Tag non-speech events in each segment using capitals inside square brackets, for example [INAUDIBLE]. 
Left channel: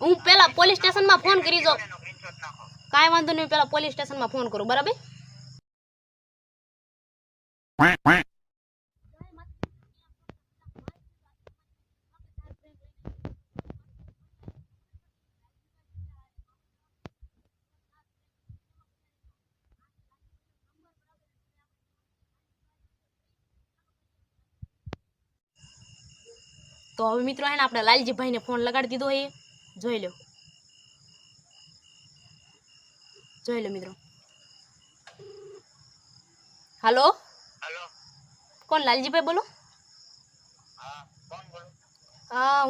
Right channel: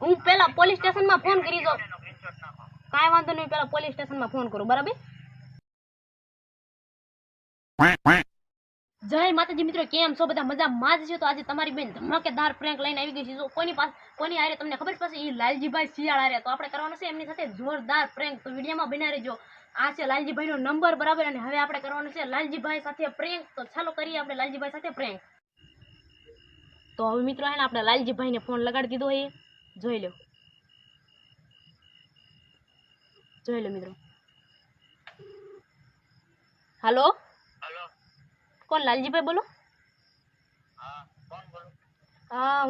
હું પેલા પોલીસ સ્ટેશનમાં ફોન કરી દઉં કાંઈ વાંધો નહીં પેલા પોલીસ સ્ટેશનમાં ફોન કરું બરાબર? જય માતાજી મિત્રો કેમ છો? બધા મજામાં? જ છે તો આજે તમારી બેન ધમાકેદાર પ્રેન્ક લઈને આવી ગઈ છે. જો કોની પાસે કોની આરે તમને ખબર પડશે એ લાલજીભાઈ શિયાળ આરે તો આપણે કરવાનું છે એમની સાથે જોરદાર પ્રેન્ક તો વિડીયોમાં બના રહેજો આ છે લાલજીભાઈનો નંબર બરાબર? અને હવે આપણે કરવાનું છે લાલજીભાઈ સાથે પ્રેન્ક તો ચાલો કરીએ આપણે લાલજીભાઈ સાથે પ્રેન્ક તો હવે મિત્રો એને આપણે લાલજીભાઈને ફોન લગાડી દીધો એ જોઈ લો. જોઈ લો મિત્રો. હાલો? કોણ લાલજીભાઈ બોલો? હા હા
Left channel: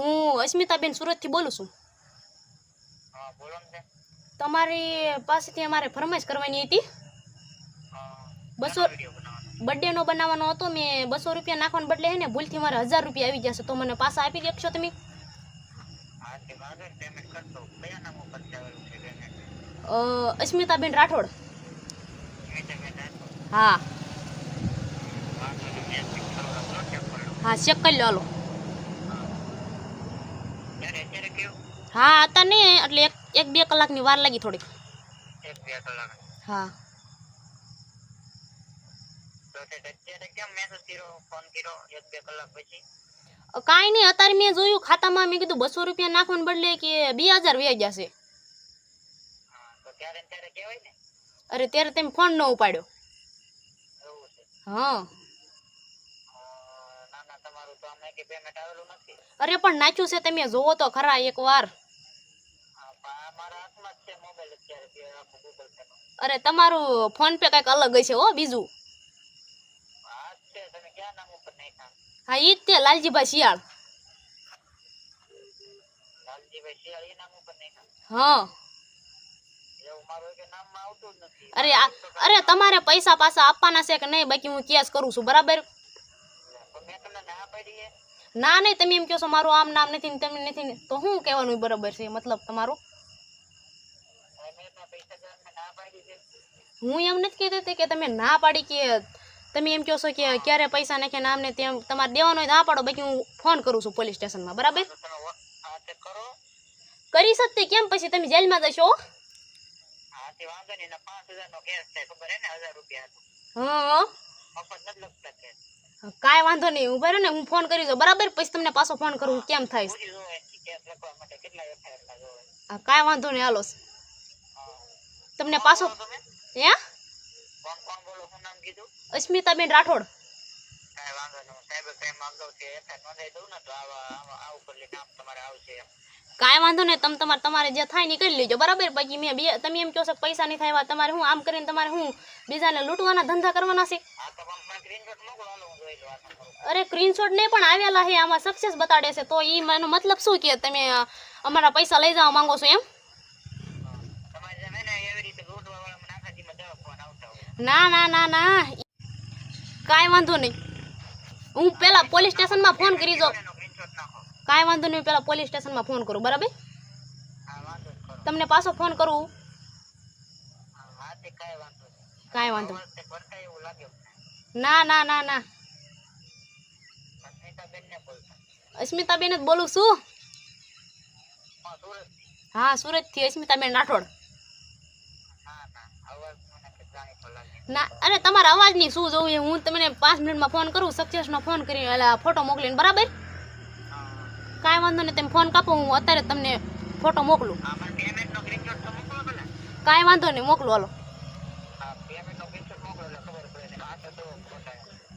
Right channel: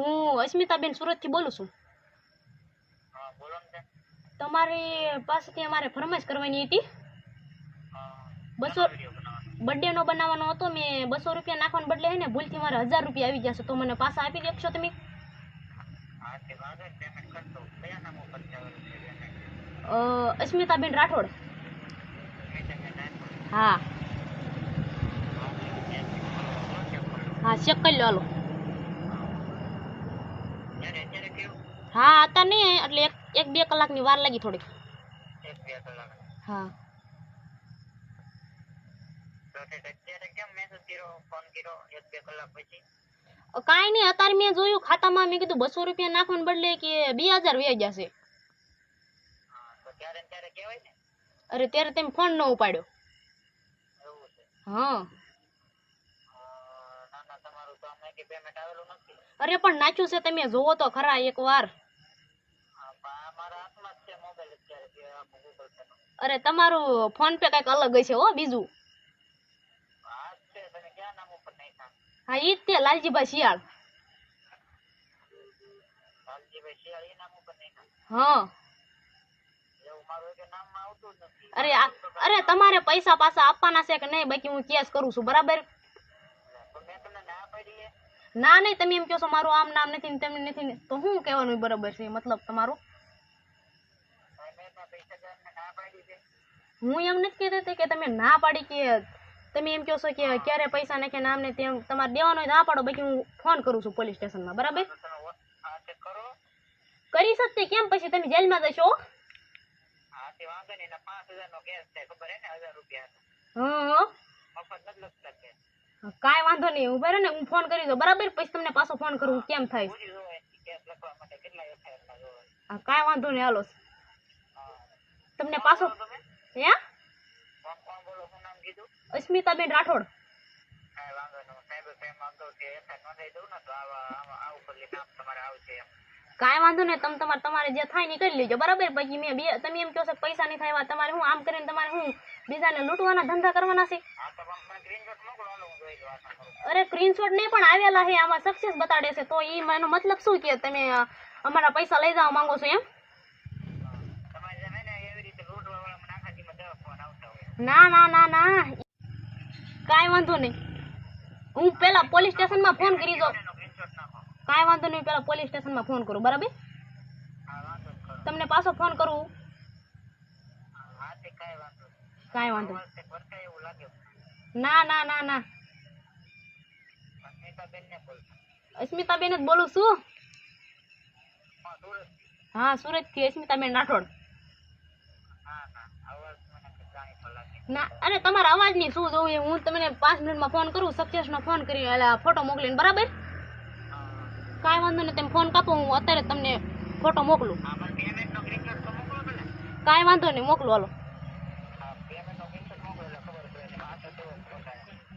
અસ્મિતાબેન સુરતથી બોલું છું. હા બોલો ને તમારી પાસેથી અમારે ફરમાઈશ કરવાની હતી. બસો બર્થડે નો બર્થડેનો બનાવવાનો હતો મેં બસો રૂપિયા નાખવાને બદલે હે ને ભૂલથી મારે હજાર રૂપિયા આવી જશે તો મને પાછા આપી દેશો તમે? અસ્મિતાબેન રાઠોડ. હા. હા ચેક કરો લો હા હતા નહીં એટલે એક એક બે કલાકની વાર લાગી થોડીક. હા. તો અત્યારે કેમ મેસેજ કર્યો ફોન કર્યો, એક બે કલાક પછી? કાંઈ નહીં અત્યારે મેં જોયું ખાતામાં મેં કીધું બસો રૂપિયા નાખવાને બદલે કે બે હજાર વ્યાજ જશે અરે ત્યારે તેમ ફોન ન ઉપાડ્યો. હા. અરે પણ નાખ્યું છે તમે જોવો તો ખરા એક વાર. અરે તમારું ફોન પે કંઈક અલગ હશે હો બીજું. હા જ છે તમે ક્યાં નામ ઉપર નાખ્યા હા ઈ જ તે લાલજીભાઈ શિયાળ લાલજીભાઈ શિયાળી નામ ઉપર નાખ્યા હા એવું મારું એક નામમાં આવતું જ નથી અરે આ અરે તમારે પૈસા પાછા આપવાના છે કે નહીં બાકી હું કેસ કરું છું બરાબર પણ મેં તમને ના પાડી છે ના નહીં તમે એમ કહો છો મારું આમ નામ નથી ને તેમ નથી ને તો શું કહેવાનું બરાબર છે મતલબ તમારું હવે મેં એમાં પૈસા દેવાને ના પાડી છે હું એમ નથી કહેતી હતી કે તમે ના પાડી કે તમે એમ કહો છો કે ક્યારે પૈસા નાખે ને તેમ તમારે દેવાનો હોય તો આ પાડો, બાકી હું ફોન કરું છું પોલીસ સ્ટેશનમાં બરાબર? કરો શકતે કેમ પછી તમે જેલમાં જશો? કાંઈ વાંધો નહીં ઊભા રહો ને હું ફોન કરી દઉં, બરાબર? પછી તમને પાછો ફોન કરું કેમ થાય કાંઈ વાંધો નહીં, હાલો. તમને પાછો હે? કોણ કોણ બોલો શું નામ કીધું અસ્મિતાબેન રાઠોડ? કાંઈ વાંધો નહીં સાહેબ કઈ માંગો એફઆઈઆર નોંધાઈ દઉં ને તો આવા આવા આ ઉપર નામ તમારે આવશે એમ. કાંઈ વાંધો નહીં તમે તમારે તમારે જે થાય ને કરી લેજો બરાબર? પછી મેં બે તમે એમ કહો છો પૈસા નહીં થાય તમારે હું આમ કરીને તમારે હું બીજાને લૂંટવાના ધંધા કરવાના છે? અરે સ્ક્રીનશોટ નહીં પણ આવેલા છે આમાં સક્સેસ બતાડે છે. તો એ એનો મતલબ શું કે તમે અમારા પૈસા લઈ જવા માંગો છો એમ તમારે જેમ હે ને એવી રીતે લૂંટવા વાળા મને આખા દીમાં દવા ફોન આવતા હોય ના ના ના ના. કાંઈ વાંધો નહીં. હું પેલા પોલીસ સ્ટેશનમાં ફોન કરી દઉં કાંઈ વાંધો નહીં પેલા પોલીસ સ્ટેશનમાં ફોન કરું, બરાબર? તમને પાછો ફોન કરું. કાંઈ વાંધો ના ના ના ના. અસ્મિતાબેન જ બોલું છું. હા, સુરતથી અસ્મિતાબેન રાઠોડ હા હા અવાજ મને કંઈક જાણીતો લાગે ના અરે તમારા અવાજની શું જોવું છે? હું તમને પાંચ મિનિટમાં ફોન કરું સક્સેસનો ફોન કરી એટલે ફોટો મોકલીને બરાબર? કાંઈ વાંધો નહીં તમે ફોન કાપો હું અત્યારે તમને ફોટો મોકલું. કાંઈ વાંધો નહીં મોકલું હાલો.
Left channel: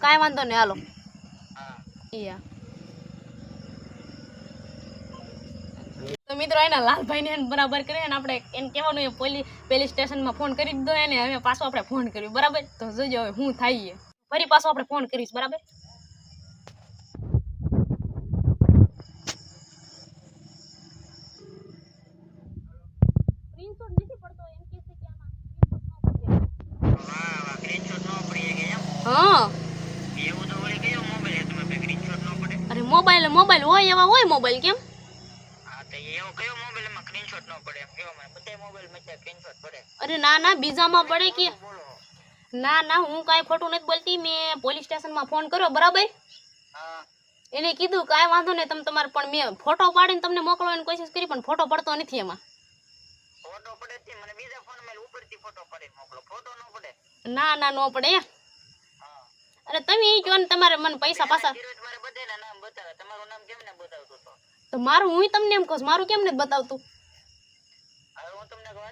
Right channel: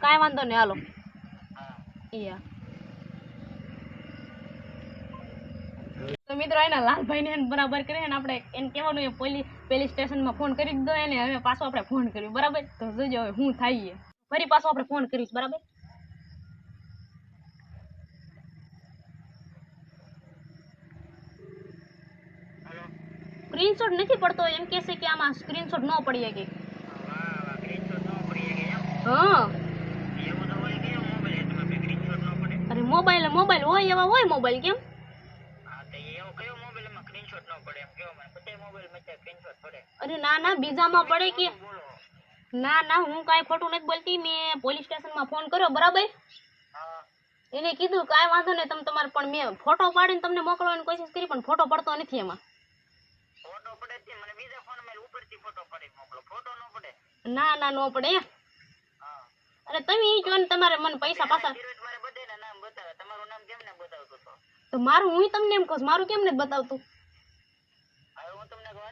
કાંઈ વાંધો નહીં હાલો. યા મિત્રો એના લાલભાઈને એને બરાબર કરે ને આપણે એને કહેવાનું એ પોલીસ પોલીસ સ્ટેશનમાં ફોન કરી દીધો એને હવે પાછો આપણે ફોન કર્યો બરાબર? તો જોજો હવે શું થાય છે ફરી પાછો આપણે ફોન કરીશ બરાબર? હલો સ્ક્રીનશોટ નથી પડતો એમ કહે છે કે આમાં સ્ક્રીનશોટ ન પડી શકે. વાહ વાહ સ્ક્રીનશોટ ન પડી શકે એમ હા એવું તો વળી કયો મોબાઈલ તમે સ્ક્રીનશોટ ન પડે. અરે મોબાઈલ મોબાઈલ હોય એવા હોય મોબાઈલ કેમ હા તો એવો કયો મોબાઈલમાં સ્ક્રીનશોટ ન પડે એમ કયો મને બધા મોબાઈલમાં સ્ક્રીનશોટ પડે અરે ના ના બીજામાં પડે કે ના ના હું કાંઈ ખોટું નથી બોલતી. મેં પોલીસ સ્ટેશનમાં ફોન કર્યો બરાબર? એને કીધું કાંઈ વાંધો નહીં તમે તમારે પણ મેં ફોટો પાડીને તમને મોકલવાની કોશિશ કરી પણ ફોટો પડતો નથી એમાં. ન ના ના પડે અરે તમે એ કહો ને તમારે મને પૈસા પાછા તો મારું હું તમને એમ કહું મારું કેમ નથી બતાવતું?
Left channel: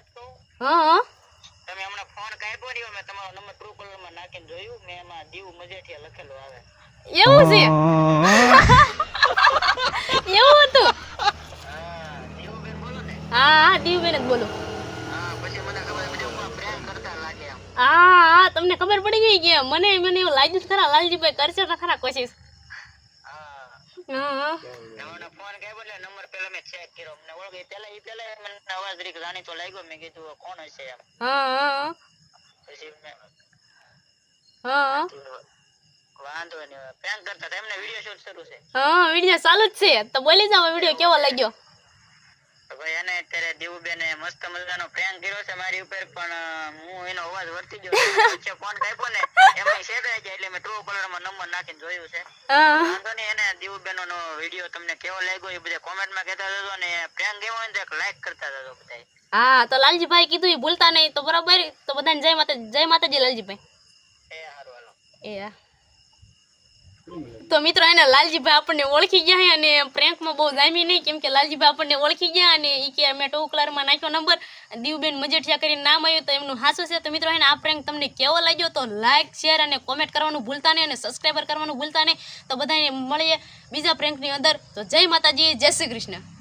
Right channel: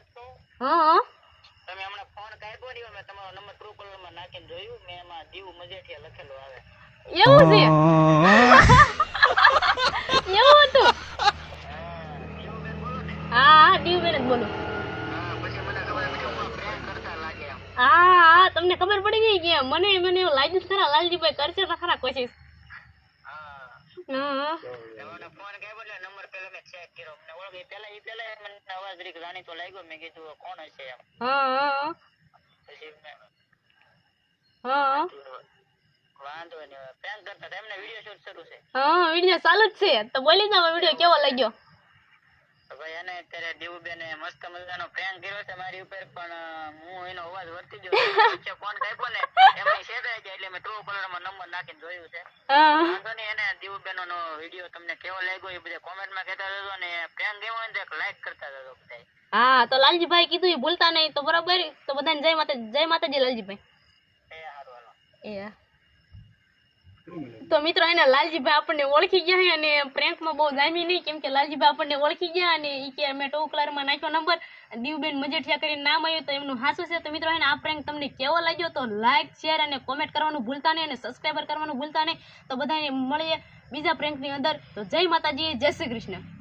હું તમને એક વાત કહું? હા હા. તમે હમણાં ફોન કાપ્યો રહ્યો મેં તમારો નંબર ટ્રુ કોલરમાં નાખીને જોયું મેં એમાં દીવ મજેઠિયા લખેલું આવે. એવું છે? [LAUGHS] એવું હતું? હા દીવબેન બોલો ને હા હા દીવબેન જ બોલું. હા ખબર પડી હું પ્રેમ કરતા લાગે એમ. હા હા તમને ખબર પડી ગઈ કે મને મને એવું લાગ્યું ખરા લાલજીભાઈ કરશે તો ખરા કોશિશ. હા હા હા મને ફોન કાપ્યો એટલે નંબર ચેક કર્યો મને ઓળખી પેલા ઈ પેલા મને અવાજ રીક જાણીતો લાગ્યો. મેં કીધું કોણ હશે એમ? હા હા પછી હા વાંધો નહીં પ્રેન્ક કરતા એમને વીડિયો શૂટ શરૂ છે. હા વીડિયો ચાલુ જ છે. તો બોલી જાવ વીડિયો કેવો લાગ્યો? ભાઈ એને અત્યારે દેવુબેને મસ્ત મજાનો પ્રેન્ક કર્યો છે મારી ઉપર પણ હું એનો અવાજ વર્તી ગયો. વચ્ચે ફોન કાપ્યો ને. એમાં શેડાઈ ગયા એટલે મેં ટ્રુ કલરમાં નંબર નાખીને જોયું છે. વાંધો નહીં એને દેવુબેનો નો વીડિયો તમને કેવો લાગ્યો એ બધા કોમેન્ટમાં કહેતા જજો અને પ્રેમ કેવો હોય ને તો એક લાઈક કરતા જજો બધા હા તો લાલજીભાઈ કીધું એ ભૂલતા નહીં તો બરાબર તો બધાને જય માતા જય માતાજી લાલજીભાઈ. એ હારું હાલો. એ તો મિત્રો, એને લાલજીભાઈ આપણને ઓળખી ગયા અને પ્રેન્કમાં બહુ જામી નહીં, કેમ કે લાલજીભાઈ આપણને ઓળખી ગયા અને એ કે મેં ટુ કલરમાં નાખ્યો નંબર દીવબેન મજેઠિયા કરીને નામ આવ્યું તો એમનું હાસું છે. તો મિત્રો એને આ પ્રેન્ક તમને કેવો લાગ્યો તો લાઇક શેર અને કોમેન્ટ કરવાનું ભૂલતા નહીં અને સબસ્ક્રાઈબર કરવાનું ભૂલતા નહીં. તો બધાને મળીએ બીજા પ્રેન્કની અંદર. તો જય માતાજી, જય શ્રી કૃષ્ણ.